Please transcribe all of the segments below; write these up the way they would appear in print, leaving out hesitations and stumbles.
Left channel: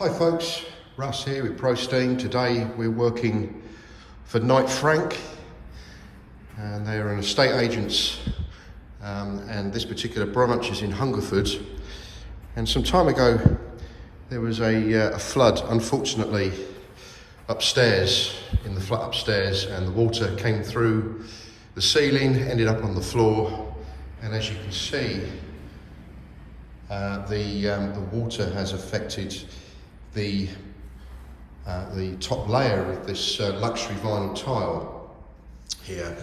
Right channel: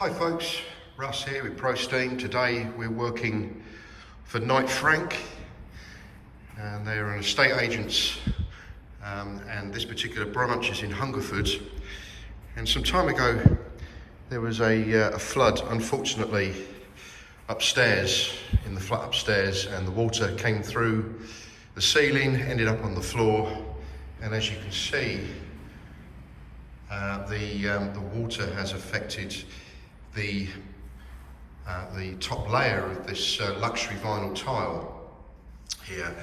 Hi folks, Russ here with Pro Steam. Today we're working for Knight Frank, and they're an estate agents, and this particular branch is in Hungerford. And some time ago there was a flood, unfortunately, upstairs, in the flat upstairs, and the water came through the ceiling, ended up on the floor, and as you can see, the water has affected the top layer of this luxury vinyl tile here.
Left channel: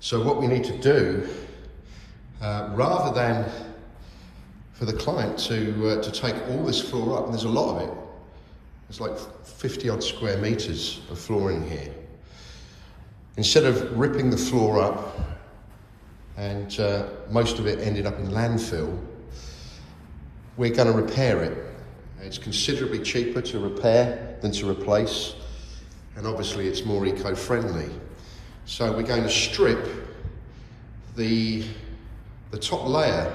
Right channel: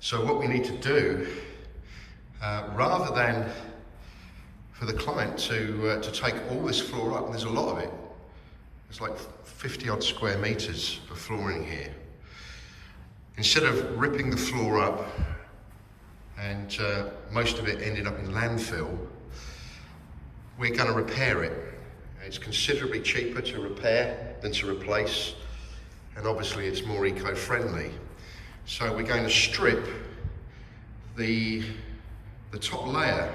So what we need to do, rather than for the client to take all this floor up, and there's a lot of it, there's like 50 odd square meters of flooring here. Instead of ripping the floor up and most of it ended up in landfill, we're going to repair it. It's considerably cheaper to repair than to replace, and obviously it's more eco-friendly. So we're going to strip the top layer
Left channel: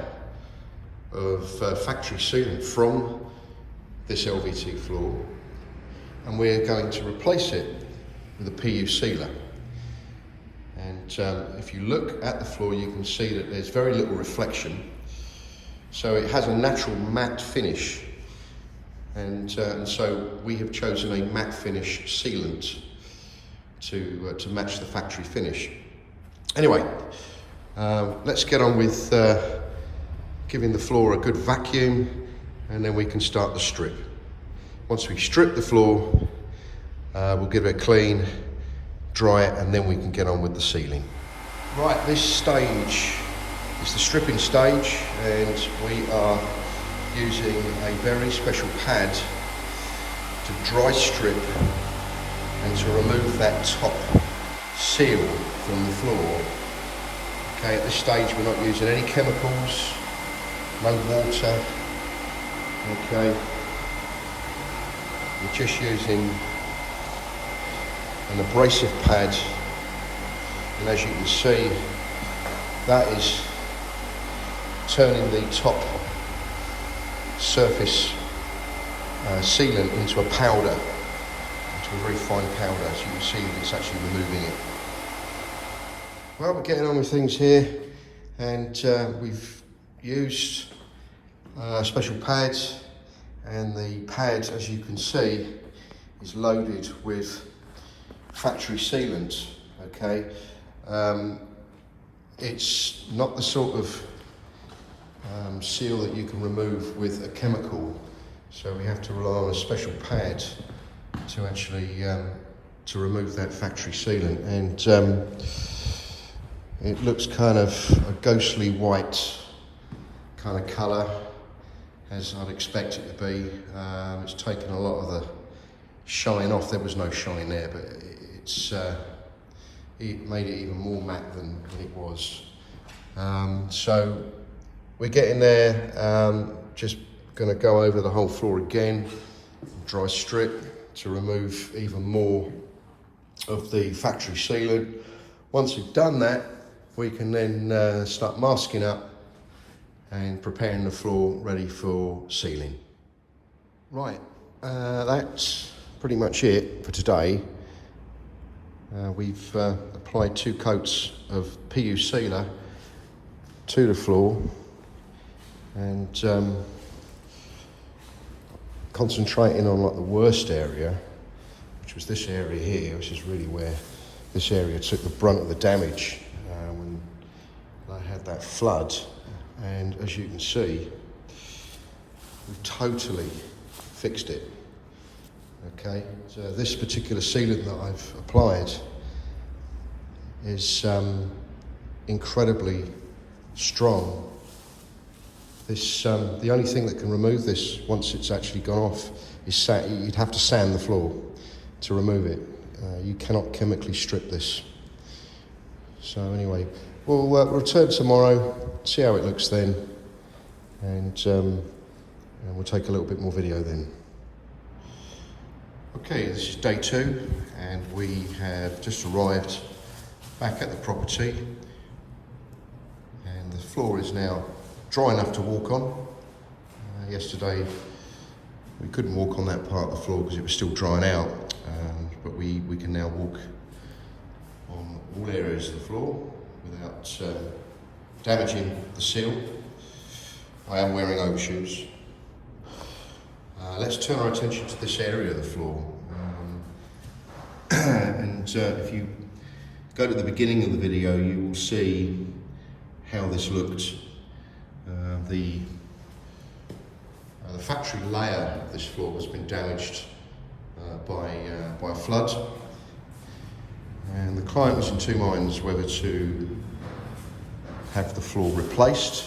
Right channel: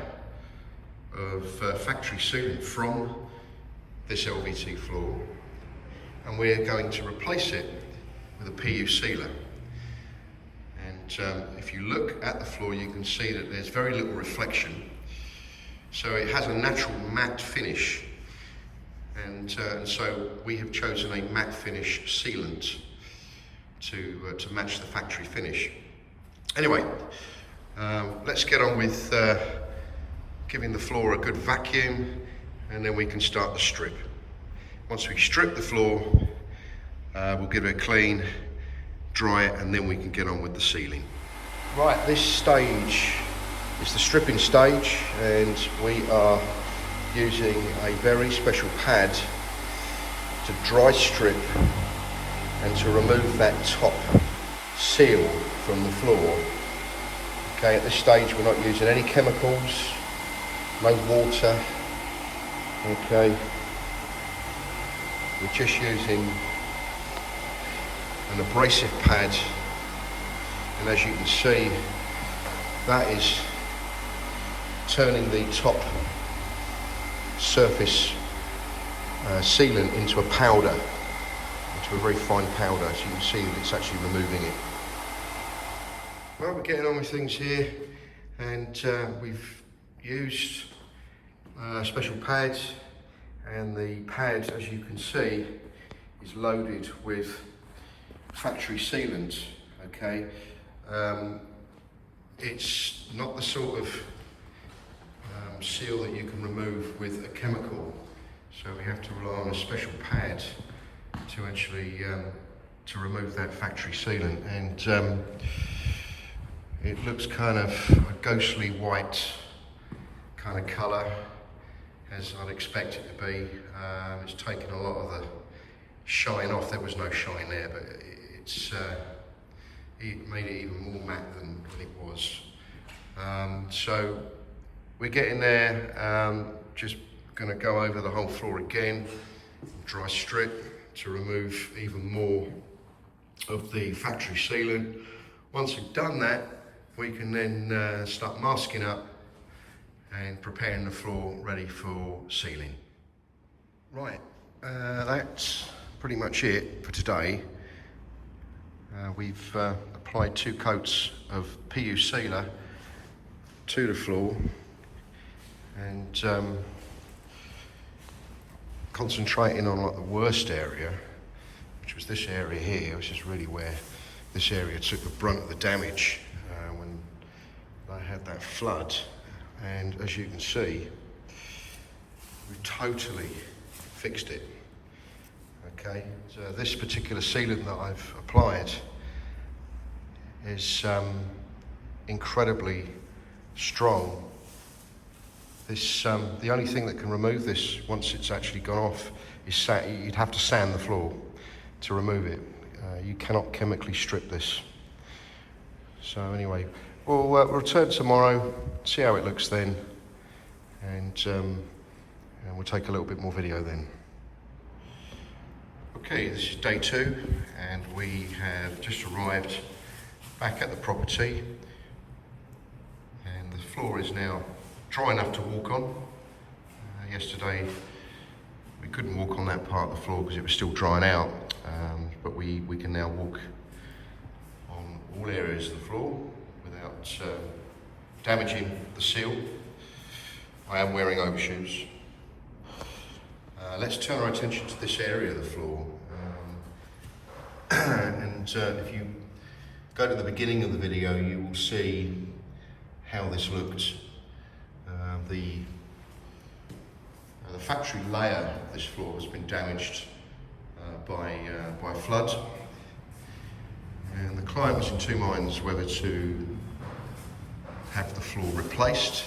of factory ceiling from this LVT floor, and we're going to replace it with a PU sealer. And if you look at the floor, you can see that there's very little reflection. So it has a natural matte finish. And so we have chosen a matte finish sealant to match the factory finish. Anyway, let's get on with giving the floor a good vacuum, and then we can start the strip. Once we strip the floor, we'll give it a clean, dry it, and then we can get on with the sealing. Right, this stage is the stripping stage, and we are using a very special pad to dry strip and to remove that top seal from the floor. Okay, at this stage we're not using any chemicals, no water. Okay, we're just using an abrasive pad, and as you can see, that is turning the top surface sealant into a powder, into a very fine powder. So you can see that it's actually removing it. Well, we're getting on with things here, and we've used special pads, and the pad, as you can see, is loaded with factory sealant. Okay, it's not the sort of seal that you can remove with a chemical, so we have to rely on a special pad to actually to remove that factory sealant. And it looks kind of a ghostly white kind of colour, as I'd expect it to be. It's taken a lot of the shine off. There was no shine there, but it made it even more matte than it was. So we're getting there, just gonna go over the whole floor again, dry strip to remove even more of the factory sealant. Once we've done that, we can then start masking up and preparing the floor ready for sealing. Right, that's pretty much it for today. We've applied 2 coats of PU sealer to the floor, and concentrating on like the worst area, which was this area here, which is really where this area took the brunt of the damage when they had that flood. And as you can see, we've totally fixed it. Okay, so this particular sealant that I've applied is incredibly strong. This, the only thing that can remove this once it's actually gone off is you'd have to sand the floor to remove it. You cannot chemically strip this. So anyway, we'll return tomorrow, see how it looks then, and we'll take a little bit more video then. Okay, this is day 2, and we have just arrived back at the property, and the floor is now dry enough to walk on. Yesterday We couldn't walk on that part of the floor because it was still drying out, but we can now walk on all areas of the floor without damaging the seal. I am wearing overshoes. Let's turn our attention to this area of the floor. And if you go to the beginning of the video, you will see how this looked. The factory layer of this floor has been damaged by flood, and the client was in two minds whether to have the floor replaced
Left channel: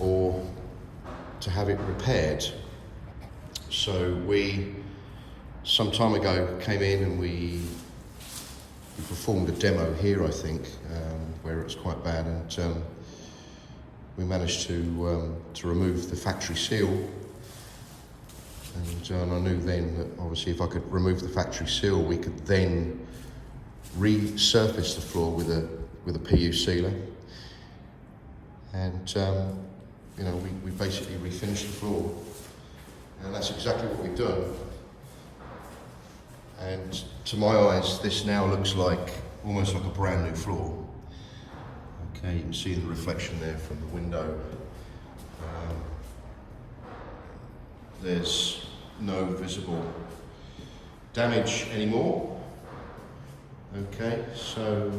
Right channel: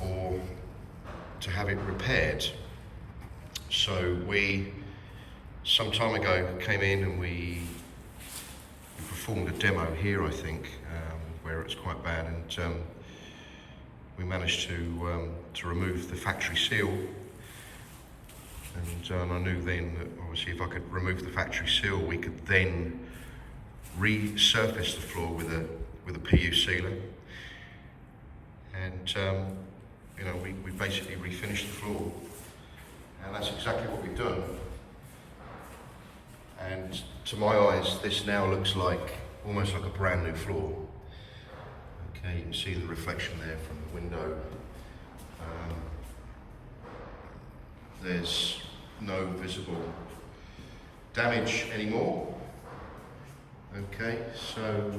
or to have it repaired. So we, some time ago, came in and we performed a demo here, I think, where it's quite bad, and we managed to remove the factory seal. And I knew then that obviously if I could remove the factory seal, we could then resurface the floor with a PU sealer. And you know, we basically refinished the floor, and that's exactly what we've done. And to my eyes, this now looks like almost like a brand new floor. Okay, you can see the reflection there from the window. There's no visible damage anymore. Okay, so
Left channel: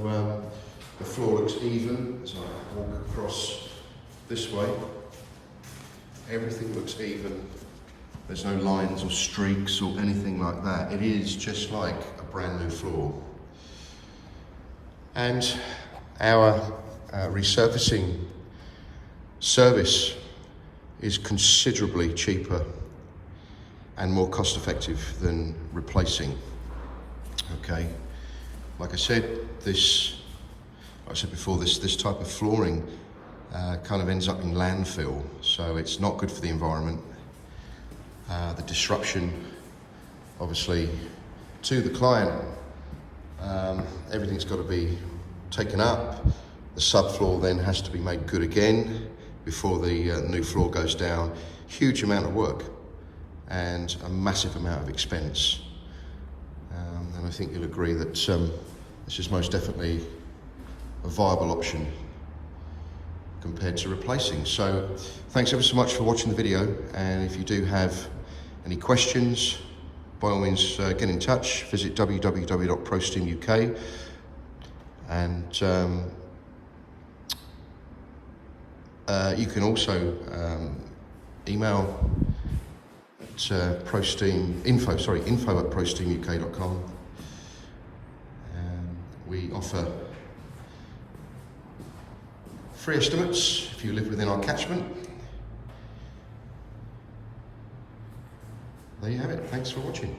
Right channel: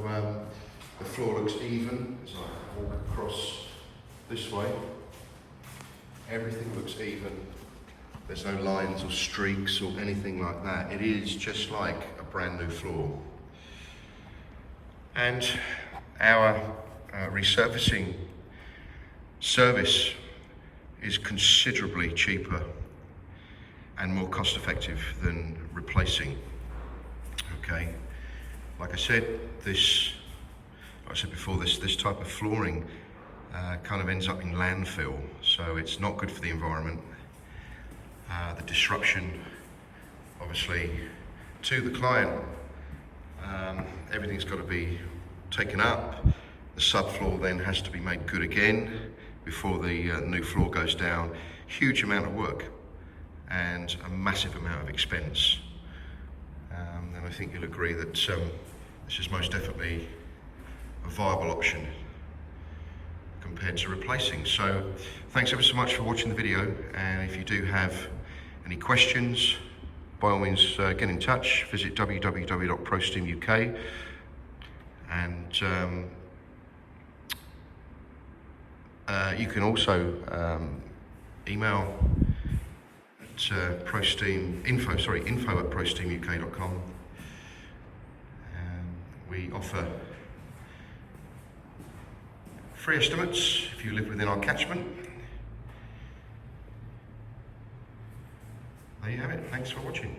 the floor looks even as I walk across this way. Everything looks even. There's no lines or streaks or anything like that. It is just like a brand new floor. And our resurfacing service is considerably cheaper and more cost effective than replacing. Okay, like I said, like I said before, this type of flooring kind of ends up in landfill, so it's not good for the environment. The disruption, obviously, to the client, everything's got to be taken up. The subfloor then has to be made good again before the new floor goes down. Huge amount of work and a massive amount of expense. And I think you'll agree that this is most definitely a viable option compared to replacing. So thanks ever so much for watching the video, and if you do have any questions, by all means get in touch. Visit www.prosteam.uk, and you can also email at info@prosteamuk.com. We offer free estimates if you live within our catchment. There you have it. Thanks for watching.